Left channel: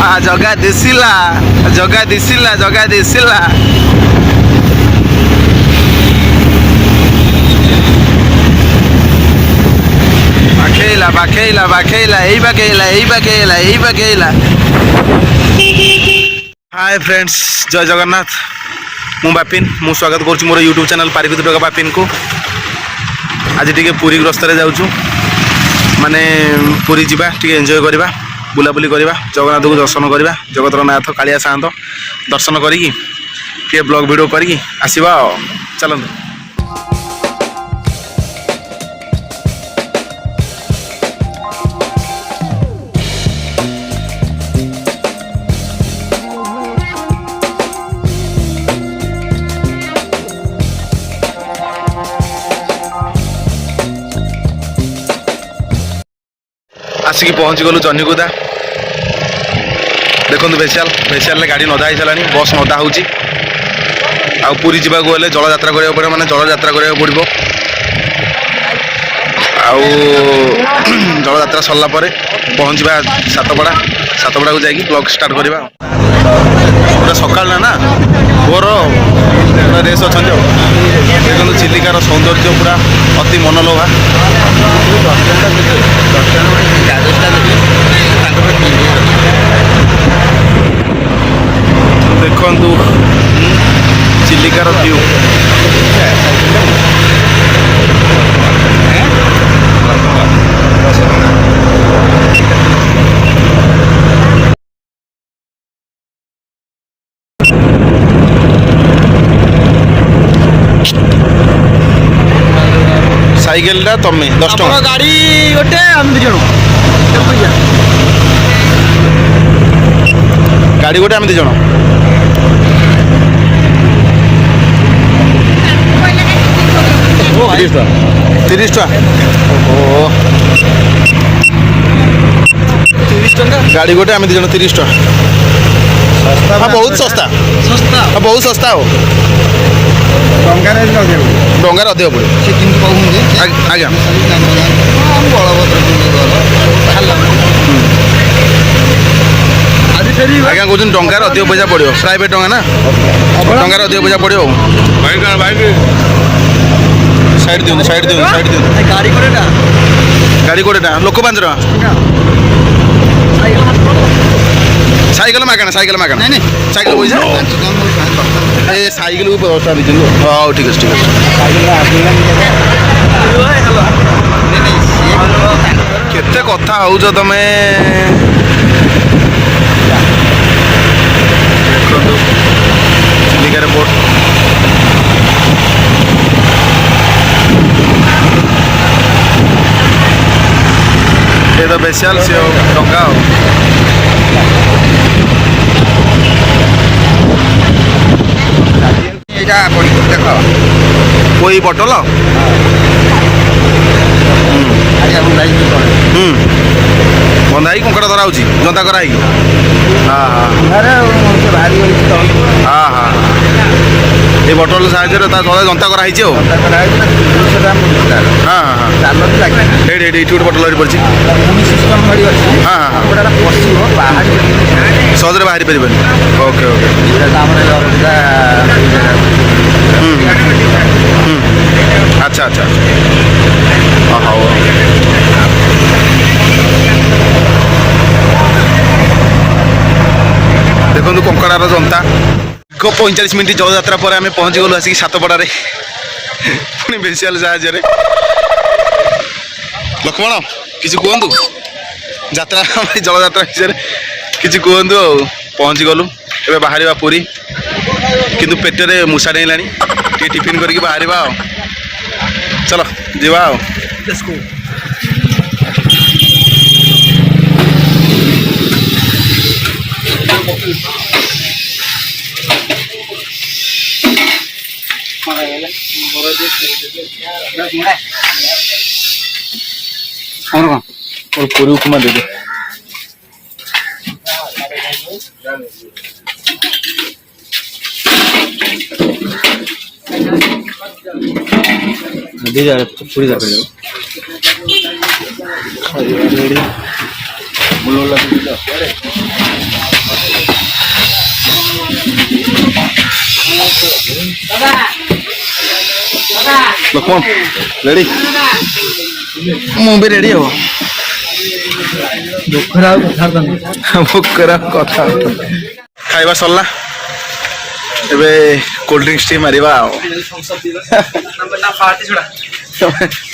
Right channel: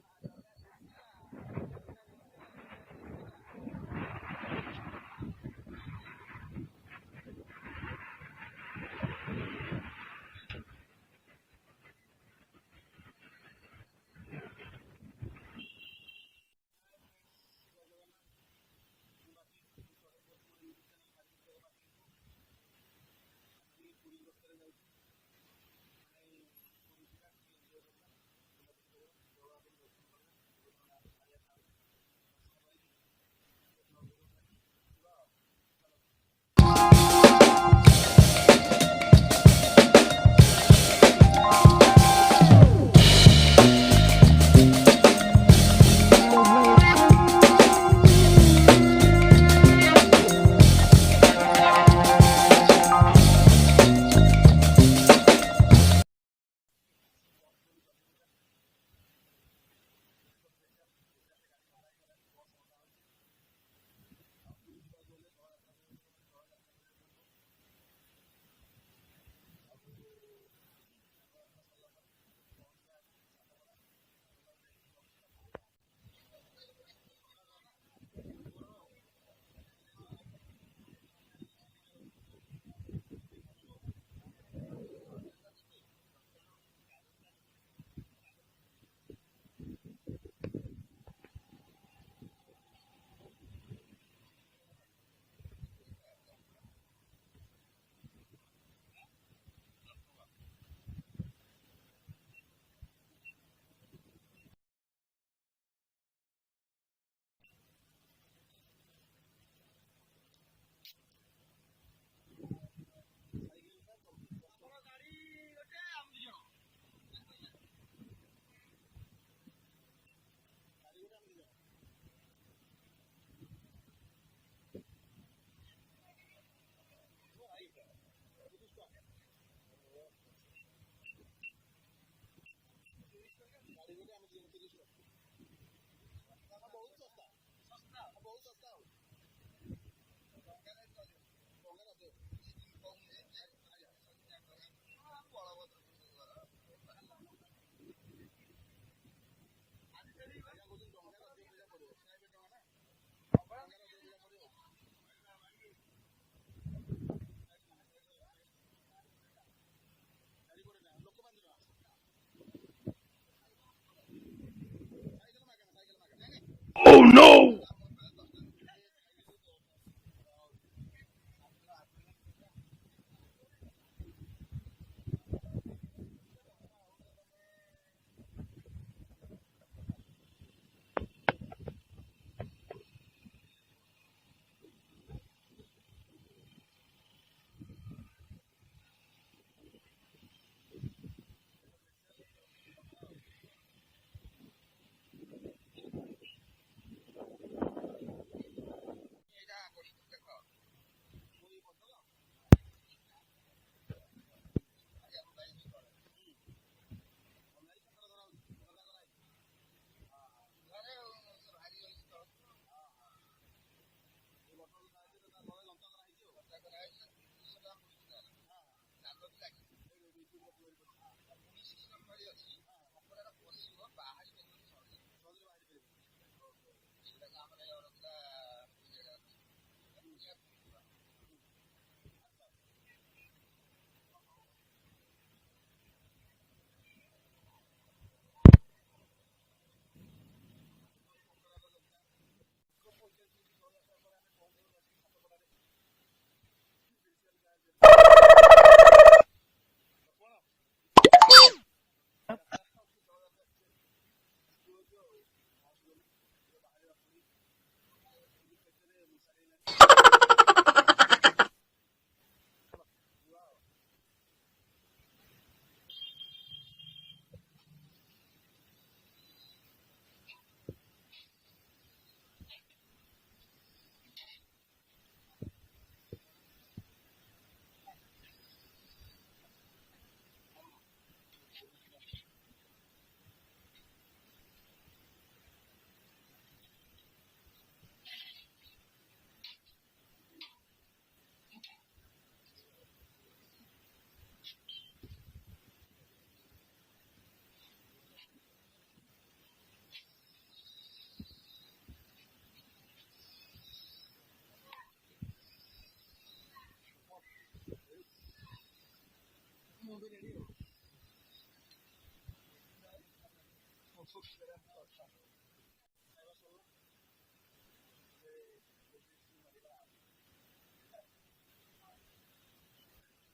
ଜଗା ଦିଶିଲା ଜଗା ଦିଶିଲା ଜଗା ଦିଶିଲା। ବାଖେଇଲା ବାଖେଇଲା ବାଖେଇଲା ଏଇ ବାଖେଇଲା ଏଇ ବାଖେଇଲା ଏଇ ବାଖେଇଲା। हाय फ्रेंड्स जय जगन्नाथ मु बापिन मु स्वागत करुँ मोर यूट्यूब चैनल पारिपति टोका बापिन को। आज टी पुरी ग्रस्त जाऊँ माने पुरी जावा टी एंजॉय करवा बुलाबुली करवा जगन्नाथ को दर्शन करवा जगतर नाथ कालिया सात दर्शन करी ब्लॉग वीडियो करी आसवा चलते। आसिक पहुँची गलु जन्नीगुदा देखो बेसियाल गाड़ी नदा हो सारा बस नदा हो पूरी जावाक गले जल यात्रा करा पड़े माने जल यात्रा करा पड़ो जल यात्रा सरला पहुँचा सातपड़ा को जाकि ब्लॉग स्टार्ट करवा पूरा सकाल ना भोर पूरा रेस अच्छा देखो चिलिकार सौंदर्य पूरा अति मनलोभा। देखु चिलिकार व्यू साइकेल तमें 10 टका गाड़ी गोटे गाड़ी गोटे आम 2 जन 30 टका गाड़ी गोटे आम 2 जन 30 टका। हाँ बहुत सस्ता हाँ बहुत सस्ता हो डंगार अधिक पड़े आज्ञा आज्ञा कौन डंगार अधिक पैसा पड़ो प्राइवेट टंगा ना डंगार अधिक पैसा पड़ो साइड दिखाँ साइड दिखाँ साइड दिखाँ गाड़ी कोड़ेटा लोक 5 टका साइकेल मागणा साइकेल मागणा साइकेल पैसा ए साइकेल को 10 टका दीजिए। हाँ ठीक है ठीक है केते कथा होउछ तमे चिलिका बोट ये तो स्पेशल से डंगा देख कोई बटल बंधा कंकड़ धरा हो जंता कराई। हाँ हाँ हाँ ये बटल साहय तले जंता कराई हाँ हाँ ये गोटे बटल पड़ी हाँ हाँ सहजरे बाहरी पारे ओके ओके अच्छा अच्छा हाँ देखो कंकड़ार जंता 45 मिनट जल यात्रा पर आम पहुँची गलु आसिक सातपड़े पुणी बेसियाल साहाଯ୍य लक्ष्मण किसी कहतु यात्रा जल यात्रा विषय किसी कहतु पहुँची गलु ए बाहर पूरी किंतु पेटे मूषा डेला टिफिन करके बाहर चलो जीवा पूरी उपमा दे दे पूरी जा लक्ष्मण रेडी मु भी रेडी हो भोकर कथा खाइबा सरला एबे कोल्ड ड्रिंक्स टी मारिबा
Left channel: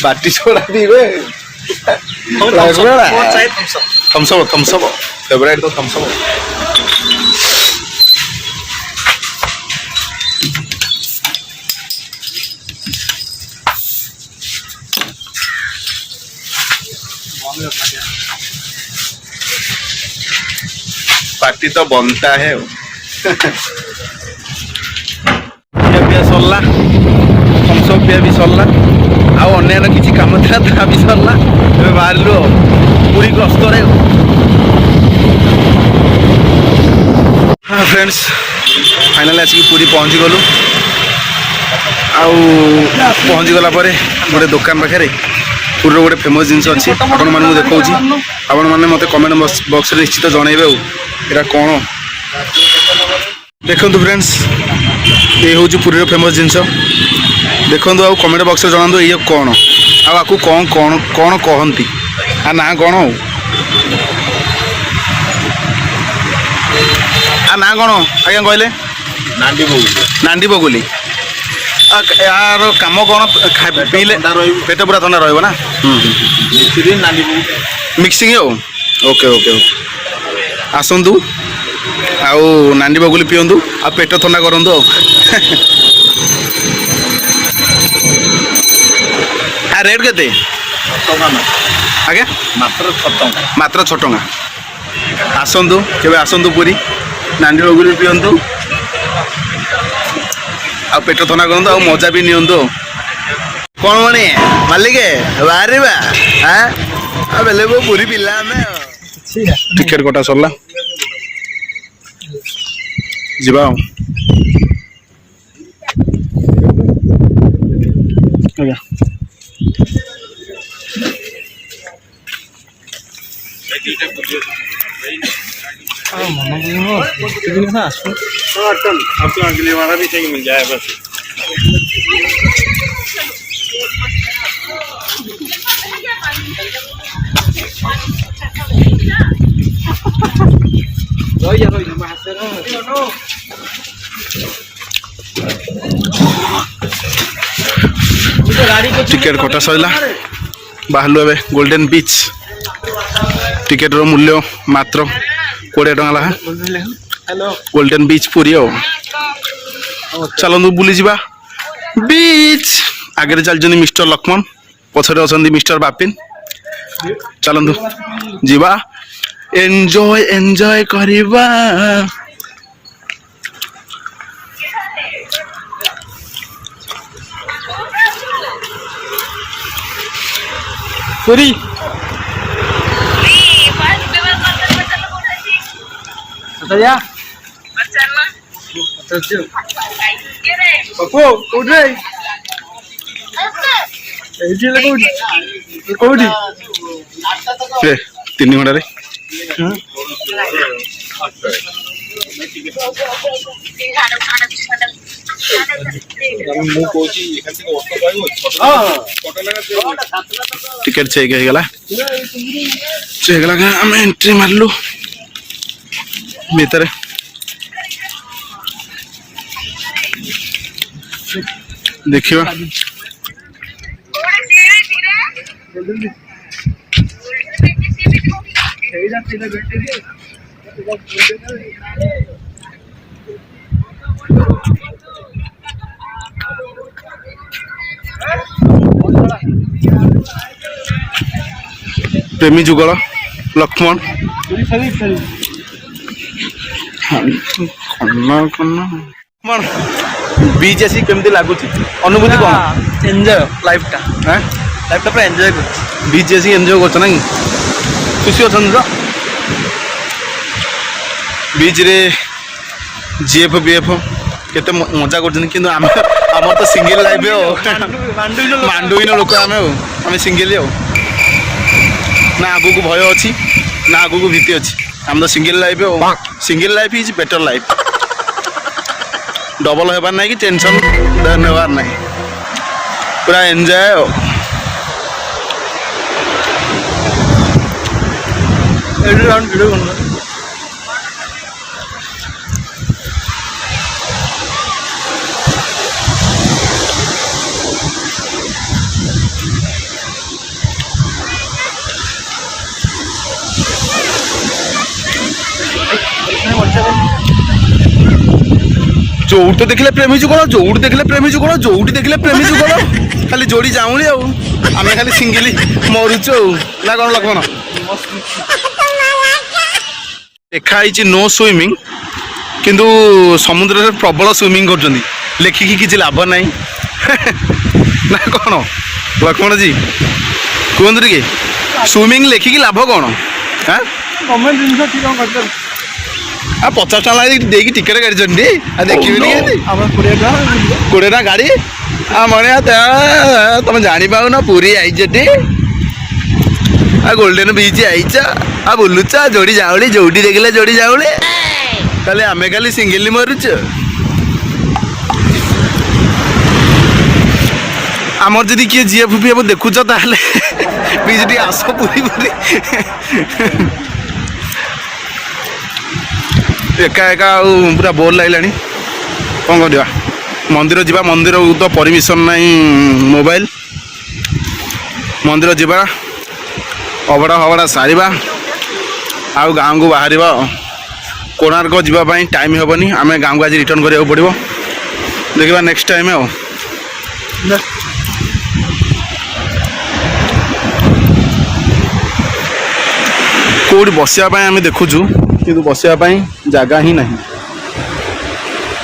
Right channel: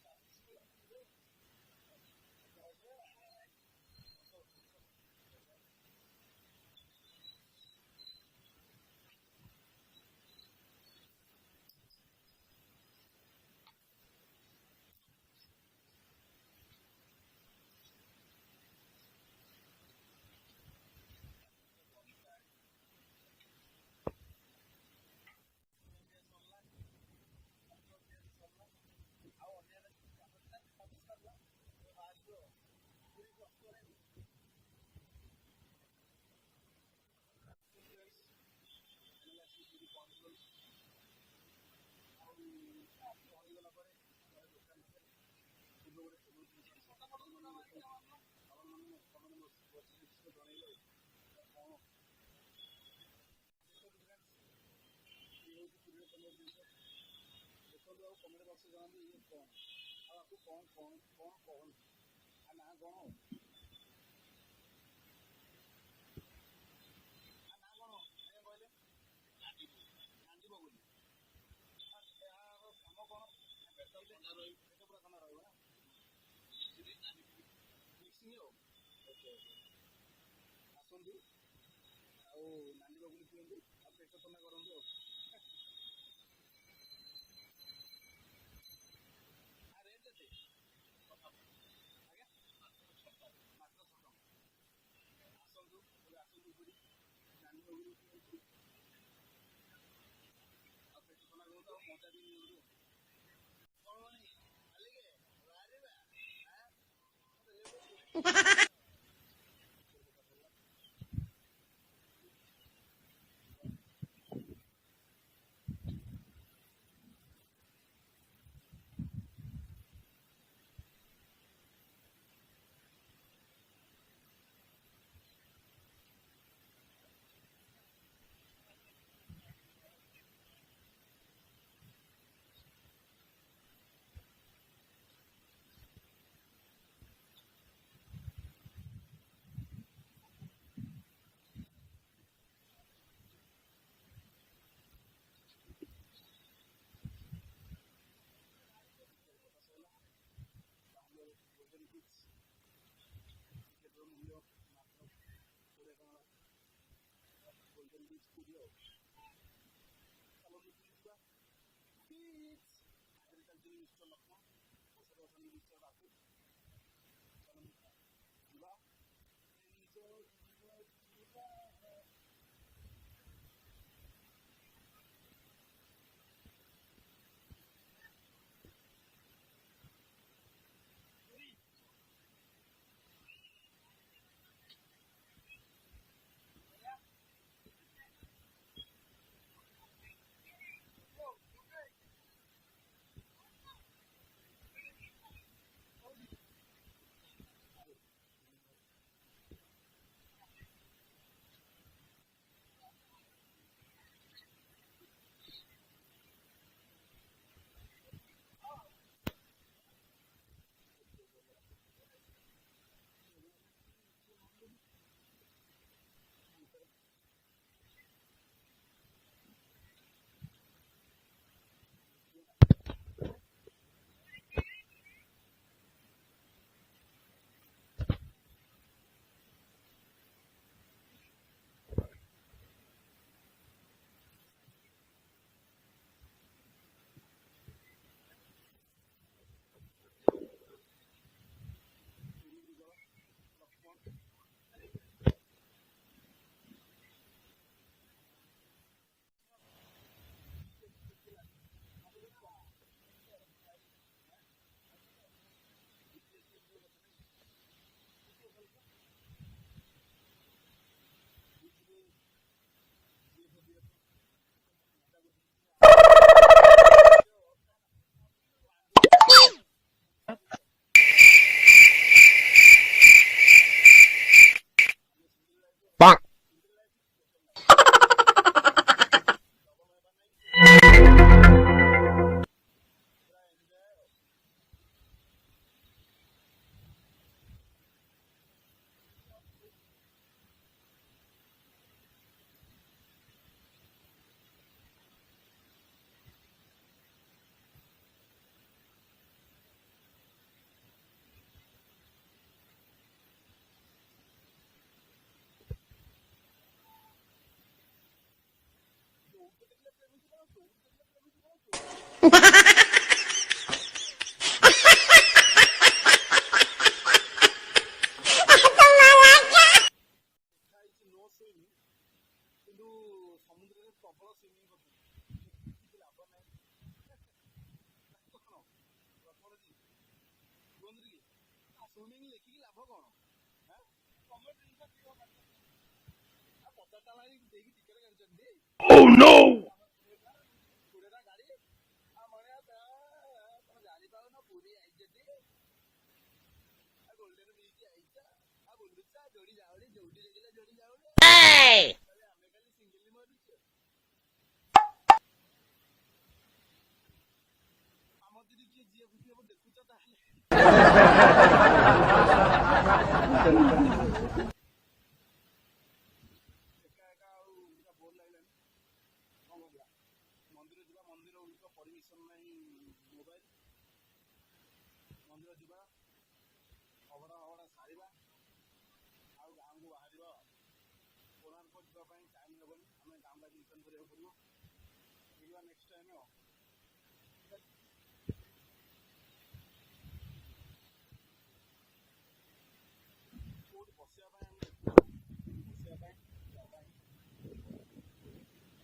बाटी छोड़ा पीबे थम्स अप फेवरेट तो थम्स अप पार्टी तो बनता है सरला थम्स अप पिया भी सरला आउ अन्य किसी काम था ता भी सरला बाहर पूरी ग्रस्त हाँ फ्रेंड्स फाइनाली आसिक पूरी पहुँची गलु पहुँची गला गोटे दुकान पाखे पूरी गोटे फेमस जिनस अच्छी आपण मानू देखा आपण मैंने मत कमेंट बॉक्स रे निश्चित जनइबे एटा कौन देखु फ्रेंड्स ये हूँ पुरी फेमस जिनस देखु आ कमेंट बॉक्स रे जनातु ये कौन आपको कौन कौन कौन कहती आ ना कौन हो आ ना कौन आज्ञा कहले नांडी बगुली यार कम कौन पीले पेट पूरा थंडा रहा मिक्सिंग हो ओके ओके ओके आसतु आउ नांडी बगुली पिंतु आ पेट थंडा करूँ आ रेट के आगे मात्र 6 टंका आसतु केबे आसतु पूरी नांडी बगुली पिंतु आ पेट थंडा करूँ आ मजा भी नियंतु कौन मणि मालिक बाहर बेले वो पूरी पिला टिकेट कटा सरला जीवा आज्ञा आपको अगली वाला भी चाहिए मिल जाए बस टिकेट कटा सरला बाहर ए गोल्डन बीच टिकेट रो मूल्य मात्र 20 टंका लहा गोल्डन बीच पूरी चलू बुली जा बीच आगे चलते मिस्टर लक्ष्मण पछरे अच्छा मिस्टर बापिन चलतु जीवा एंजॉय एंजॉय करिबा पूरी तीन घंटा टिकेट चेक आम एंट्री मारलु भीतर देखिए प्रेमी जुगल लक्ष्मण बीच आसी केमती लगुच अनुभूति कौन एंजॉय लाइफ टा पूरा एंजॉय कर बीच आसी एंजॉय कर खुशी अच्छा तो बीच रे जीएफ बीएफ केते मजा कर तो सिंगल लाइफ मांडुइन लोक आम सिंगल ना आगू को भय अच्छी ना आगू को भीति अच्छी आम तो single life is better life double ହେବାର ନାହିଁ କି ଟେନସନ୍ ନେବାର ନାହିଁ, ପୁରା ଏନ୍ଜୟ ଆଉ। ଭିଡ଼ିଓ କରୁନ ଯୋଉଠି ଦେଖିଲେ ପ୍ରେମୀ ଯୁଗଳ, ଯୋଉଠି ଦେଖିଲେ ପ୍ରେମୀ ଯୁଗଳ, ଯୋଉଠି ଦେଖିଲେ ପ୍ରେମୀ ଯୁଗଳ, ଖାଲି ଯୋଡ଼ି ଯାଉନି ଆଉ, ଆମେ ଖାଲି ସିଙ୍ଗିଲି ମରୁଛୁ ଆଉ, ନା କ'ଣ ଲକ୍ଷ୍ମଣ? ଲେଖା ହେଇଛି ନୋ ସୁଇମିଂ, କିନ୍ତୁ ସମୁଦ୍ରରେ ପ୍ରବଳ ସୁଇମିଂ କରୁଛନ୍ତି, ଲେଖିକି କିଛି ଲାଭ ନାହିଁ ନା କ'ଣ ଲକ୍ଷ୍ମଣଜୀ କୁହନ୍ତୁ ଟିକେ, ସୁଇମିଂ ଲେଖିକି ଲାଭ କ'ଣ? ହାଁ ଗଭର୍ଣ୍ଣମେଣ୍ଟ ଜିନିଷ କି କ'ଣ କରିପାରିବ? ଆଉ 50 ଟଙ୍କା ଦେଇକି ଟିକେଟ୍ କାଟିଛନ୍ତି, ଆଉ ଦେଖିବି ଆମର 20 ଟଙ୍କା 20 ଟଙ୍କା ଗାଡ଼ି, ଆଉ ମନେ ତମେ ଜାଣିପାରୁନ ପୁରୀ ଆଇଛଟି, ଆଉ ଗୋଲ୍ଡେନ୍ ବିଚ୍ ଆଇଛ, ଆଉ ବୁଲୁଛ ଯୋଡ଼ି ଯାଉଳି, ଯୋଉଠି ଦେଖିଲେ ଯୋଡ଼ି ଯାଉଳି, ତାହେଲେ ଆମେ ଖାଲି ସିଙ୍ଗିଲି ମରୁଛୁ। ଆମର ଯଦି କିଏ ଝିଅ ଫୁପି ହେବ ଦେଖୁଛ ତାହେଲେ ବିଚ୍ ଟିକେ ଆସ ପୁରୀ ପୁରୀ। ଏକା ଏକା ଆଉ ପୁରା ବୋର୍ ଲାଗିଲାଣି, କ'ଣ କରିବା? ମନ୍ଦିର ଯିବା, ମନ୍ଦିରକୁ ତ ପରମିସନ୍ ନାହିଁ ମୋବାଇଲ, ମନ୍ଦିର ଯିବା, ଅବଢ଼ା ଫବଢ଼ା ସାରିବା, ଆଉ ଗାଁକୁ ବାହାରିବା। କୋଣାର୍କ ଯିବା ପାଇଁ ଟାଇମ୍ ହେବନି, ଆମେ ଗାଁକୁ ଆଜି ରିଟର୍ଣ୍ଣ କରିବାକୁ ପଡ଼ିବ, ଦେଖିବା ନେକ୍ସଟ ଟାଇମ୍ ଆଉ। କେଉଁଠି ବସିବା ପାଇଁ ଆମେ ଦେଖୁଛୁ, କିନ୍ତୁ ବସିବା ପାଇଁ ଜାଗା ହିଁ ନାହିଁ।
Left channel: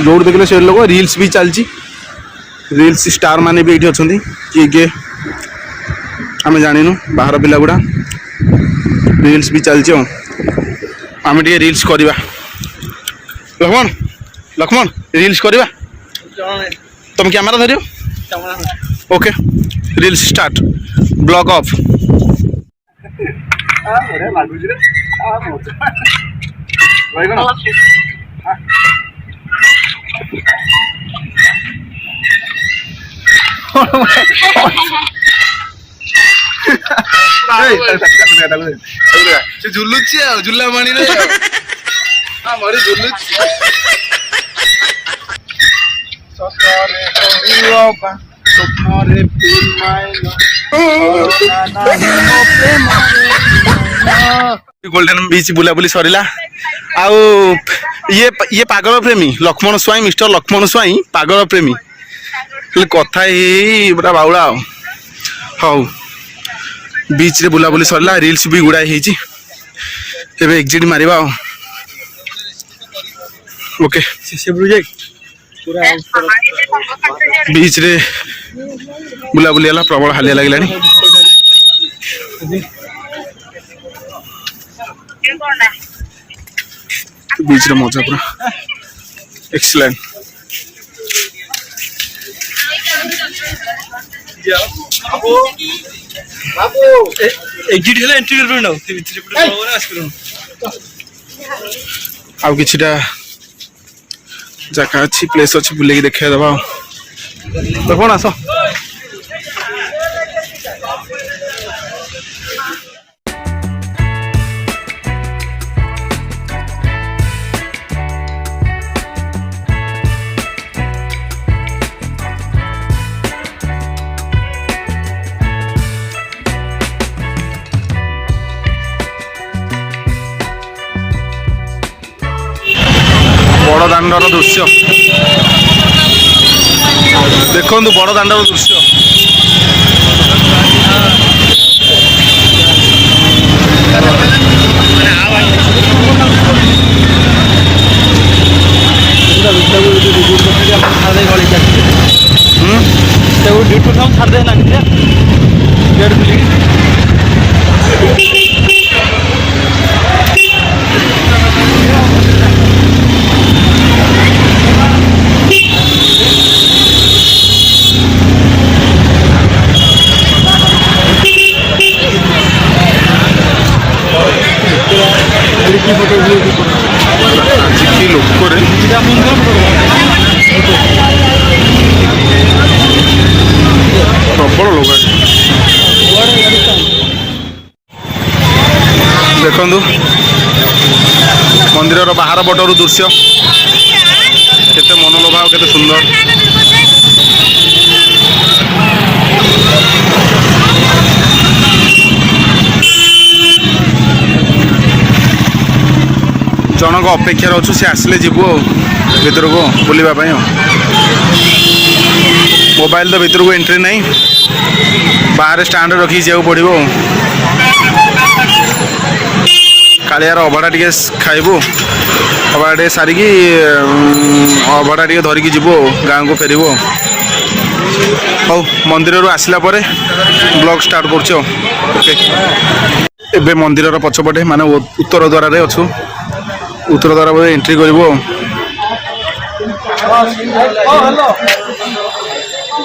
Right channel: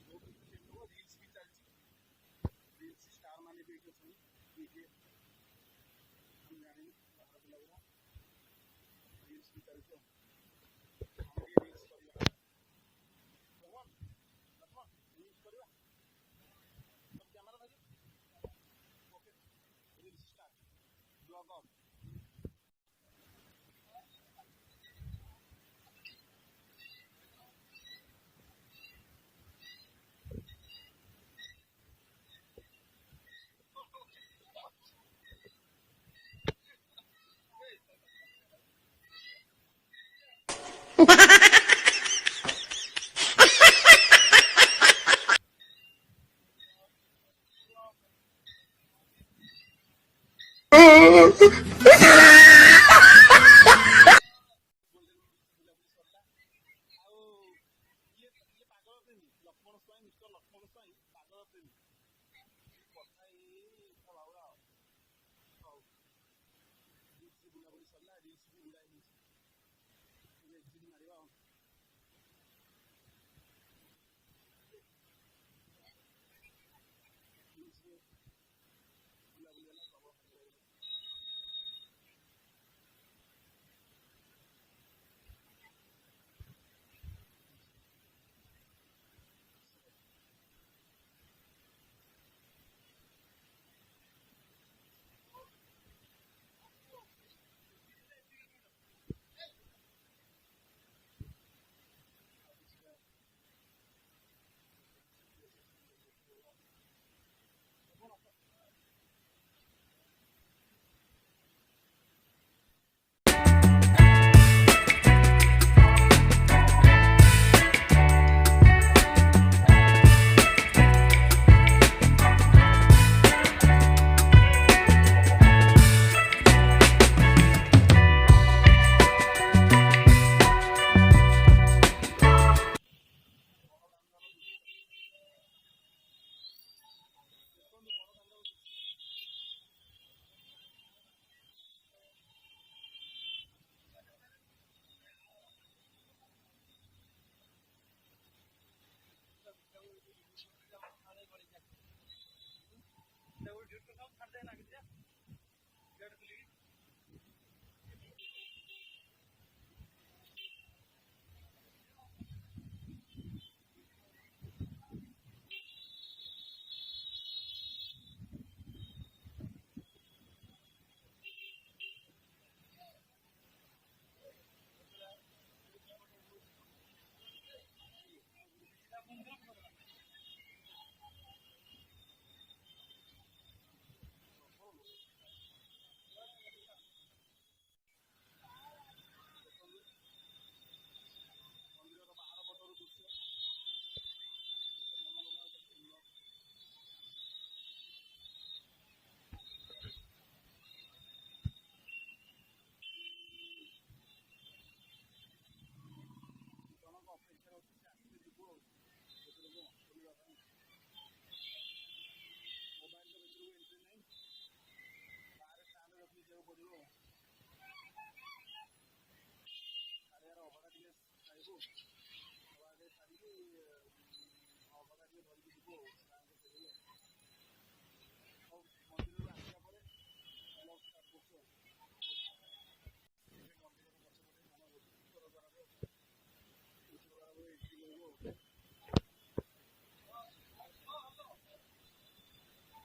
ଯୋଉଠି ଦେଖିଲେ ସେ ଲୋକ, ରିଲ୍ସ ବି ଚାଲିଛି, ରିଲ୍ସ ଷ୍ଟାର ମାନେ ବି ଏଇଠି ଅଛନ୍ତି, କିଏ କିଏ ଆମେ ଜାଣିନୁ, ବାହାର ପିଲା ଗୁଡ଼ା, ରିଲ୍ସ ବି ଚାଲିଛି ଆଉ, ଆମେ ଟିକେ ରିଲ୍ସ କରିବା। ଲକ୍ଷ୍ମଣ ଲକ୍ଷ୍ମଣ ରିଲ୍ସ କରିବା, ତମେ କ୍ୟାମେରା ଧରିବ, okay reels start, block of. ସେ ଝୁଲୁଛି ଆଉ, ଝୁଲା ମାଣିରେ ଝୁଲୁଛି। ଗୋଲ୍ଡେନ୍ ବିଚ୍ ବୁଲାବୁଲି ସରିଲା। ଆଉ ଇଏ ପାଗଳ ପ୍ରେମୀ ଲକ୍ଷ୍ମଣ ସ୍ୱାଇଁ, ମିଷ୍ଟର ଲକ୍ଷ୍ମଣ ସ୍ୱାଇଁ ପାଗଳ ପ୍ରେମୀ, ହେଲେ କଥା ହେଇ ପୁରା ବାଉଳା ଆଉ। ହଉ ବିଚ୍ରେ ବୁଲାବୁଲି ସରିଲା, ରିଲ୍ସ ବି ଗୁଡ଼ାଏ ହେଇଛି, ଏବେ ଏକ୍ଜିଟ୍ ମାରିବା ଆଉ। ଓକେ ବିଚ୍ରେ ବୁଲାବୁଲି ହେଲା, ପ୍ରବଳ ହାଲିଆ ଲାଗିଲାଣି। ବିଚ୍ର ମଜା ପୁରା ଏକ୍ସଲେଣ୍ଟ। ଆଉ କିଛିଟା ଜାଗା ଅଛି, ପ୍ଲେସ୍ ଅଛି, ବୁଲେଇକି ଦେଖେଇ ଦେବା ଆଉ। କ'ଣ ଆସ ବଡ଼ ଦାଣ୍ଡର ଦୃଶ୍ୟ ଦେଖନ୍ତୁ, ବଡ଼ ଦାଣ୍ଡର ଦୃଶ୍ୟ। ଆଜିକି ଲୋକରେ ମନ୍ଦିରର ବାହାର ପଟରୁ ଦୃଶ୍ୟ କେତେ ମନଲୋଭା ଆଉ କେତେ ସୁନ୍ଦର। ଜଣଙ୍କ ଅପେକ୍ଷାରେ ଅଛୁ, ସେ ଆସିଲେ ଯିବୁ ଆଉ ଭିତରକୁ ବୁଲିବା ପାଇଁ। ଆଉ ମୋବାଇଲ ତ ଭିତରକୁ ଏଣ୍ଟ୍ରି ନାହିଁ, ବାହାରେ ଷ୍ଟାଣ୍ଡରେ ରଖିକି ଯିବାକୁ ପଡ଼ିବ। ଆଉ କାଳିଆର ଅଭଡ଼ା ଟିକେ ଖାଇବୁ, ଅଭଡ଼ା ଟିକେ ସାରିକି ଅଭଡ଼ା ଟିକେ ଧରିକି ଯିବୁ ଆଉ ଗାଁକୁ ଫେରିବୁ। ହଉ, ମନ୍ଦିରରୁ ଆସିଲା ପରେ ବ୍ଲଗ୍ ଷ୍ଟାର୍ଟ କରୁଛୁ। ଆଉ ଓକେ, ଏବେ ମନ୍ଦିରର ପଛପଟେ ମାନେ ଉତ୍ତର ଦ୍ୱାରରେ ଅଛୁ, ଉତ୍ତର ଦ୍ୱାର ବୋଧେ ଏଣ୍ଟ୍ରି କରିବୁ। ଆଉ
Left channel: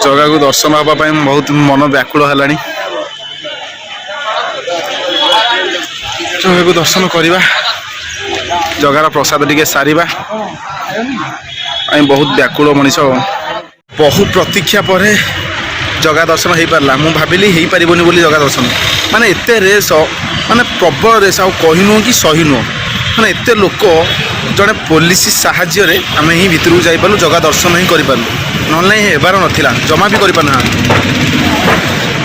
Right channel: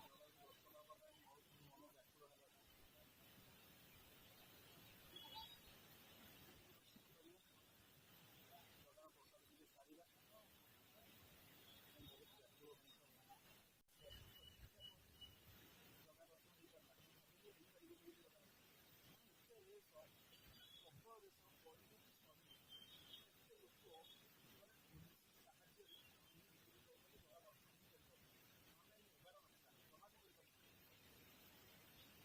ଜଗାକୁ ଦର୍ଶନ ହେବା ପାଇଁ ବହୁତ ମନ ବ୍ୟାକୁଳ ହେଲାଣି। ଜଗାକୁ ଦର୍ଶନ କରିବା, ଜଗାର ପ୍ରସାଦ ଟିକେ ସାରିବା ପାଇଁ ବହୁତ ବ୍ୟାକୁଳ ମଣିଷ। ବହୁ ପ୍ରତୀକ୍ଷା ପରେ ଜଗା ଦର୍ଶନ ହେଇପାରିଲା। ମୁଁ ଭାବିଲି ହେଇପାରିବନି ବୋଲି ଜଗା ଦର୍ଶନ, ମାନେ ଏତେ ରେସ୍, ମାନେ ପ୍ରବଳ ରେସ୍, ଆଉ କହି ନୁହଁ କି ସହି ନୁହଁ, ମାନେ ଏତେ ଲୋକ। ଜଣେ ପୋଲିସ ସାହାଯ୍ୟରେ ଆମେ ହିଁ ଭିତରକୁ ଯାଇପାରିଲୁ, ଜଗା ଦର୍ଶନ ହିଁ କରିପାରିଲୁ, ନହେଲେ ନାହିଁ ହେବାର ନଥିଲା, ଜମା ବି କରିପାରିନାହାନ୍ତି।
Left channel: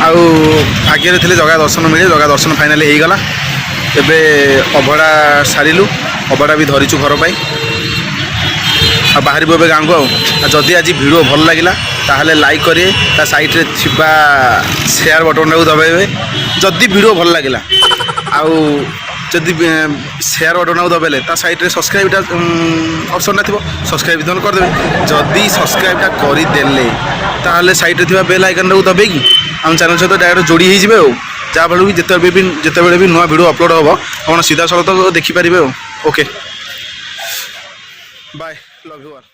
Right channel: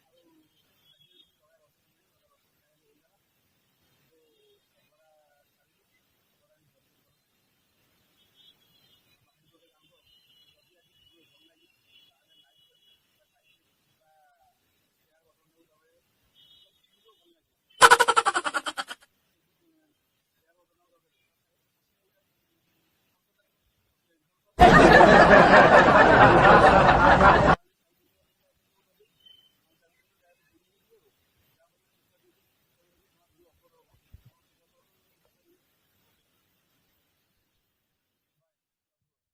ଆଉ ଭାଗ୍ୟରେ ଥିଲେ ଜଗା ଦର୍ଶନ ମିଳେ, ଜଗା ଦର୍ଶନ ଫାଇନାଲି ହେଇଗଲା। ଏବେ ଅଭଡ଼ା ସାରିଲୁ, ଅଭଡ଼ା ବି ଧରିଛୁ ଘର ପାଇଁ, ଆଉ ବାହାରିବୁ ଏବେ ଗାଁକୁ। ଆଉ ଯଦି ଆଜି ଭିଡ଼ିଓ ଭଲ ଲାଗିଲା ତାହେଲେ ଲାଇକ୍ କରିବେ, ତା ସାଇଡ଼୍ରେ ଥିବା ସେୟାର ବଟନ୍ଟାକୁ ଦବାଇବେ ଯଦି ଭିଡ଼ିଓ ଭଲ ଲାଗିଲା। ଆଉ ଯଦି ସେୟାର ବଟନ୍ଟାକୁ ଦବାଇଲେ ତା ସାଇଡ଼୍ରେ ସବସ୍କ୍ରାଇବ୍ଟା ଅପସନ୍ଟା ଥିବ, ସବସ୍କ୍ରାଇବ୍ ଧନ କରିଦେବେ। ଯଦି ସବସ୍କ୍ରାଇବ୍ଟା କରିଦେଲେ ତାହେଲେ ସାଇଡ଼୍ରେ ଥିବା ବେଲ୍ ଆଇକନ୍ଟାକୁ ଦବେଇକି ଆମ ଚ୍ୟାନେଲ୍ ସହିତ ଡାଇରେକ୍ଟ ଯୋଡ଼ି ହେଇଯିବେ। ଆଉ ଯାହାଫଳରେ ବି ଯେତେବେଳେ ବି ନୂଆ ଭିଡ଼ିଓ ଅପଲୋଡ଼ ହେବ ଆପଣ ସିଧାସଳଖ ଦେଖିପାରିବେ। ଆଉ okay, bye, love you all.